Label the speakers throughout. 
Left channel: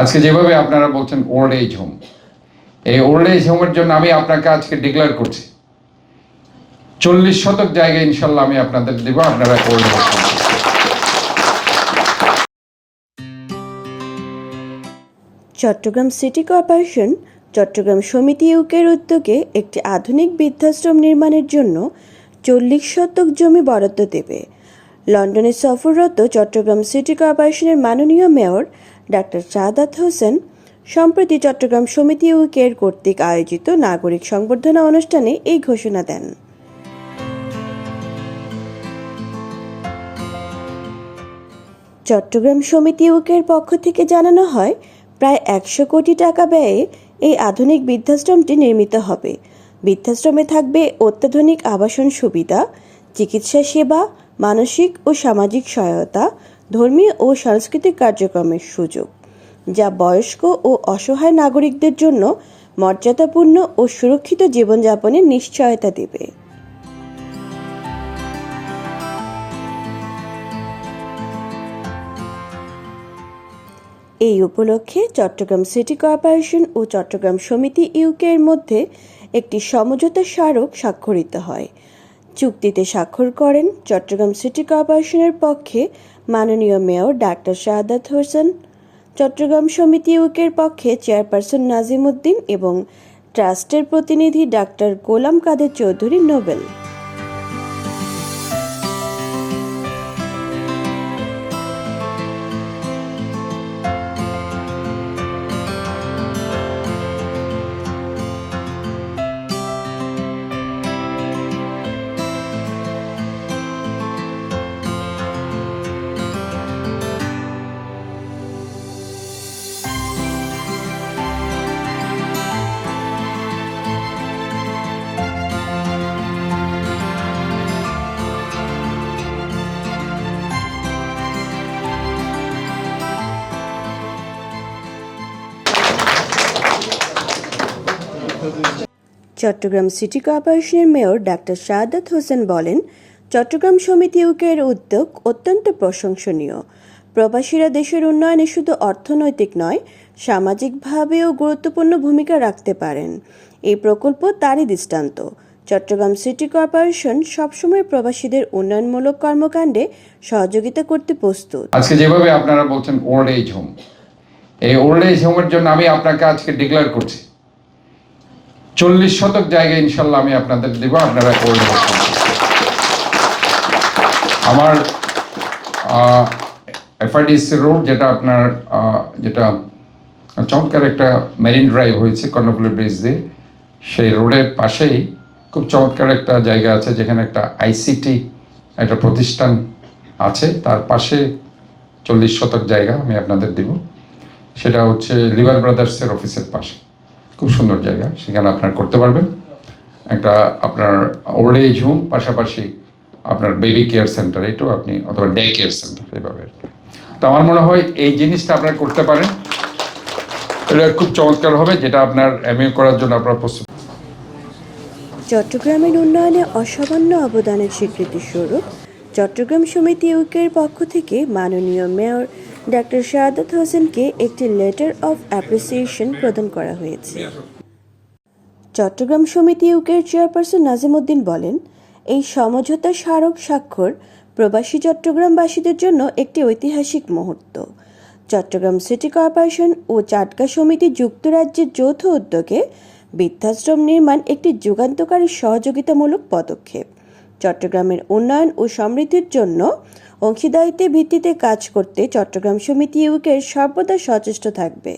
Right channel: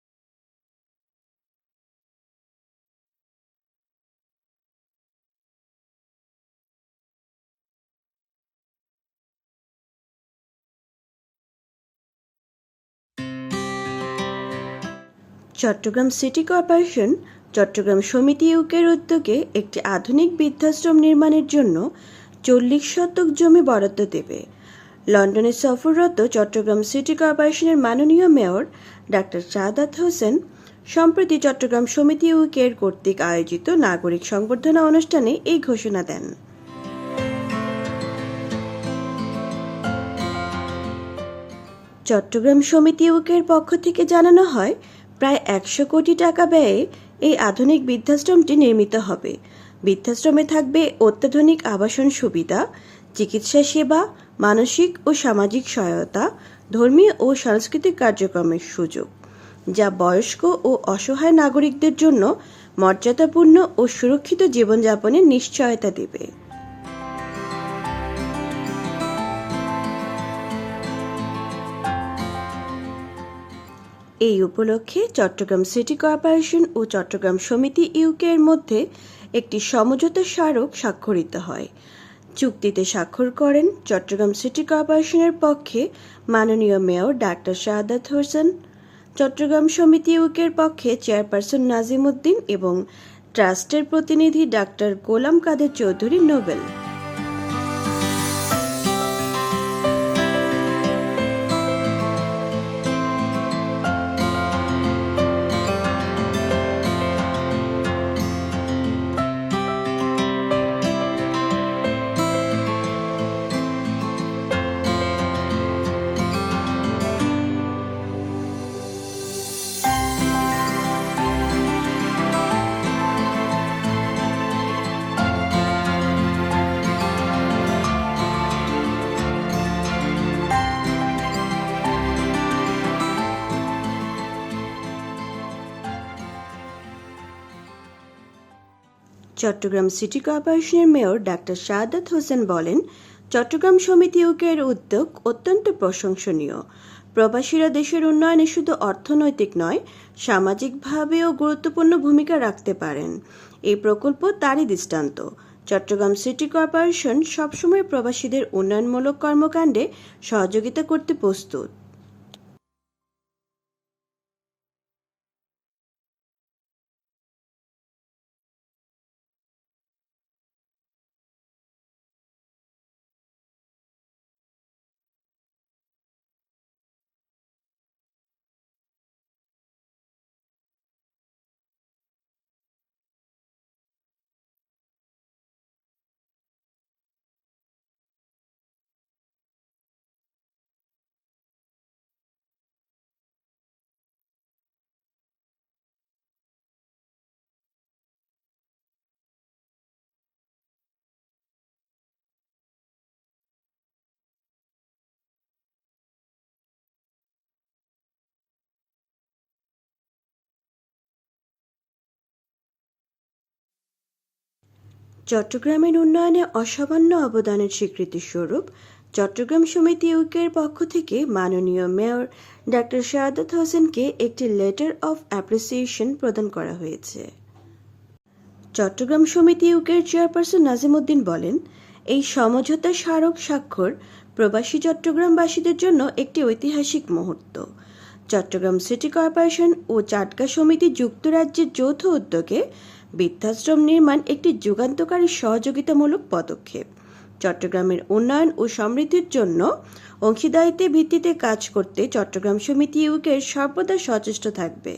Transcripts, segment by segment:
Speaker 1: আজকে যেভাবে আপনারা বলছেন ওল্ড এজ হোম এই ওল্ড এজ হোমের জন্য আমি আপনাকে আজকে ডিক্লেয়ার করছি। চল্লিশ শতক জায়গা ইনশাল্লাহ আমি আপনাদের দেবো, আপনারা old home
Speaker 2: Chittagong city corporation, Chittagong সমিতি ইউকের উদ্যোগে একটি আধুনিক বৃদ্ধাশ্রম নির্মাণের জন্য চল্লিশ শতক জমি বরাদ্দ দেবে। লন্ডনে সফররত চট্টগ্রাম সিটি কর্পোরেশনের মাননীয় মেয়র ডাক্তার সাদাত হোসেন, সম্প্রতি চট্টগ্রাম সমিতি ইউকের কর্তৃক আয়োজিত নাগরিক সংবর্ধনা অনুষ্ঠানে এই ঘোষণা দেন। চট্টগ্রাম সমিতি ইউকের পক্ষ থেকে জানানো হয়, প্রায় একশো কোটি টাকা ব্যয়ে এই আধুনিক বৃদ্ধাশ্রমটি নির্মিত হবে। বৃদ্ধাশ্রমে থাকবে অত্যাধুনিক আবাসন সুবিধা, চিকিৎসা সেবা, মানসিক ও সামাজিক সহায়তা ধর্মীয় ও সাংস্কৃতিক কার্যক্রমের সুযোগ, যা বয়স্ক ও অসহায় নাগরিকদের জন্য মর্যাদাপূর্ণ ও সুরক্ষিত জীবনযাপনের নিশ্চয়তা দেবে। এই উপলক্ষে চট্টগ্রাম সিটি কর্পোরেশন ও চট্টগ্রাম সমিতি ইউকে এর মধ্যে একটি সমঝোতা স্মারক স্বাক্ষরিত হয়। চুক্তিতে স্বাক্ষর করেন চট্টগ্রাম সিটি কর্পোরেশনের পক্ষে মাননীয় মেয়র ডাক্তার শাহাদাত হোসেন, চট্টগ্রাম সমিতি ইউকের পক্ষে চেয়ারপারসন নাজিম উদ্দিন এবং ট্রাস্টের প্রতিনিধি ডাক্তার গোলাম কাদের চৌধুরী নোবেল। চট্টগ্রাম সিটি কর্পোরেশনের মেয়র ডাক্তার শাহাদাত হোসেন বলেন, চট্টগ্রাম সমিতি ইউকের উদ্যোগ অত্যন্ত প্রশংসনীয়। প্রবাসীরা দেশের উন্নয়নে শুধু অর্থনৈতিক নয়, সামাজিকভাবেও গুরুত্বপূর্ণ ভূমিকা রাখতে পারেন। এই প্রকল্প তারই দৃষ্টান্ত। চট্টগ্রাম সিটি কর্পোরেশন সবসময় প্রবাসীদের উন্নয়নমূলক কর্মকাণ্ডে সহযোগিতা করতে প্রস্তুত।
Speaker 1: আজকে যেভাবে আপনারা বলছেন ওল্ড এজ হোম এই ওল্ড এজ হোমের জন্য আমি আপনাকে আজকে ডিক্লেয়ার করছি। চল্লিশ শতক জায়গা ইনশাল্লাহ আমি আপনাদের দেব, আপনারা হোম আমার এফআইডিসি রোড যেটা আপনার যেটা চমৎকার একটা মেরিন ড্রাইভ হয়েছে, কর্ণফুলি ব্রিজ দিয়ে। সেই রোডের পাশেই খুব চমৎকার একটা জায়গা আছে, যেখানে একটা আইসিটি একটা প্রতিষ্ঠান আছে। তার পাশে চল্লিশ শতক জায়গা আমি আপনাদের দিব। সেটা হচ্ছে লিভার ব্রাদার্সের অফিসের পাশে। খুব সুন্দর জায়গা। সেখানে আপনার করতে পারবেন। একটা আপনার ওল্ড এজ হোম পাশাপাশি আপনার বেবি কেয়ার সেন্টার এটাও আপনি অথবা ডে কেয়ার সেন্টার এভাবে তো আমার মনে হয় এই জিনিসটা আপনারা করতে পারেন। এটা খুব চমৎকার হবে, যেটা আপনার এমএ করার জন্য আপনার প্রস্তুত।
Speaker 2: চট্টগ্রামের উন্নয়নে অসামান্য অবদানের স্বীকৃতিস্বরূপ চট্টগ্রাম সমিতি ইউকের পক্ষ থেকে মাননীয় মেয়র ডাক্তার শাহাদাত হোসেনকে একটি লেটার অফ অ্যাপ্রিসিয়েশন প্রদান করা হয়েছে। চট্টগ্রাম সমিতি ইউকের চেয়ারপারসন নাজিমুদ্দিন বলেন এই সমঝোতা স্মারক স্বাক্ষর প্রবাসী চট্টগ্রামবাসীদের জন্য একটি ঐতিহাসিক মুহূর্ত। চট্টগ্রাম সিটি কর্পোরেশন ও চাটকা সমিতি যুক্তরাজ্যের যৌথ উদ্যোগে বৃদ্ধাশ্রম নির্মাণ একটি যুগান্তকারী সহযোগিতামূলক পদক্ষেপ। চট্টগ্রামের উন্নয়ন ও সমৃদ্ধির জন্য অংশীদারিত্বের ভিত্তিতে কাজ করতে চট্টগ্রাম সমিতি ইউকের সর্বদা সচেষ্ট থাকবে।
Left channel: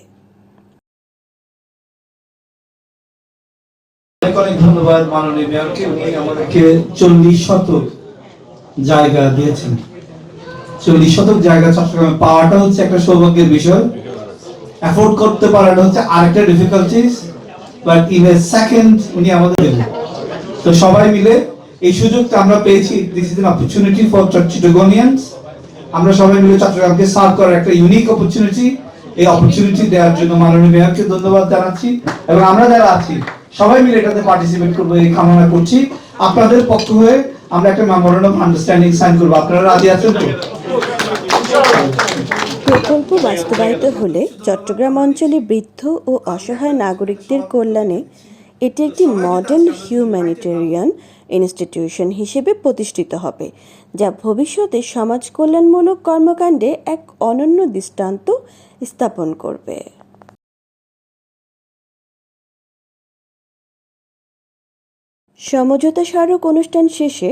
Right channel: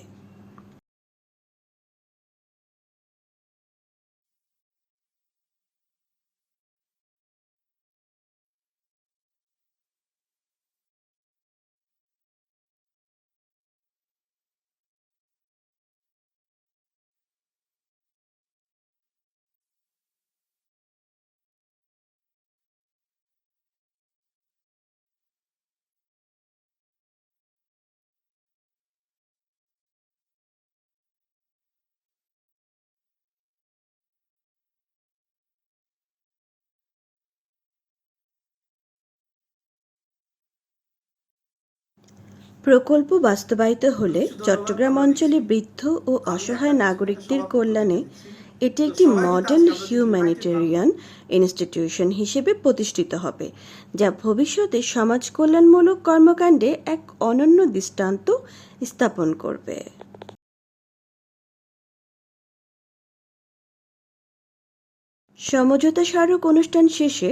Speaker 3: অনেক ধন্যবাদ মাননীয় মেয়রকে। উনি আমাদেরকে চল্লিশ শতক জায়গা দিয়েছেন। চল্লিশ শতক জায়গা চট্টগ্রামে পাওয়াটা হচ্ছে একটা সৌভাগ্যের বিষয়। অ্যাফোর্ড করতে পারাটা হচ্ছে আরেকটা difficulties but in a second উনি আমাদের তো সবাই মিলে এই সুযোগটা আমরা পেয়েছি। This is an opportunity for Chattogramians আমরা সবাই মিলে চট্টগ্রামকে সার্ভ করার একটা ইউনিক অপরচুনিটি এই অপরচুনিটি দেওয়ার জন্য মাননীয় মেয়রকে ধন্যবাদ জানাচ্ছি এবং আমরা যারা আছি, সবাই মিলে এটাতে পার্টিসিপেট করব, এই কামনা করছি। আপনাদের পক্ষ হয়ে আমরা একটা মেমোরেন্ডাম আন্ডারস্ট্যান্ডিং সাইন করব। আপনারা রাজি আছেন তো?
Speaker 2: প্রকল্প বাস্তবায়িত হলে চট্টগ্রাম অঞ্চলে বৃদ্ধ ও অসহায় নাগরিকদের কল্যাণে এটি একটি মডেল হিউম্যানিটেরিয়ান ইনস্টিটিউশন হিসেবে প্রতিষ্ঠিত হবে, যা ভবিষ্যতে সমাজ কল্যাণমূলক কর্মকাণ্ডে এক অনন্য দৃষ্টান্ত স্থাপন করবে। সমঝোতা স্মারক অনুষ্ঠান শেষে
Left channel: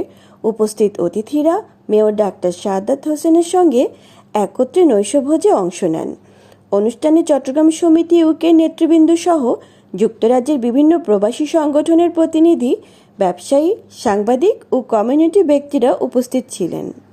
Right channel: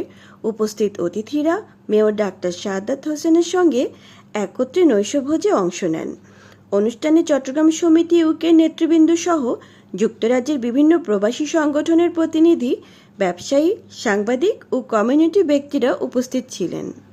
Speaker 2: উপস্থিত অতিথিরা মেয়র ডাক্তার সাদাত হোসেনের সঙ্গে একত্রে নৈশভোজে অংশ নেন। অনুষ্ঠানে চট্টগ্রাম সমিতি ইউকের নেতৃবৃন্দ সহ যুক্তরাজ্যের বিভিন্ন প্রবাসী সংগঠনের প্রতিনিধি ব্যবসায়ী সাংবাদিক ও কমিউনিটি ব্যক্তিরা উপস্থিত ছিলেন।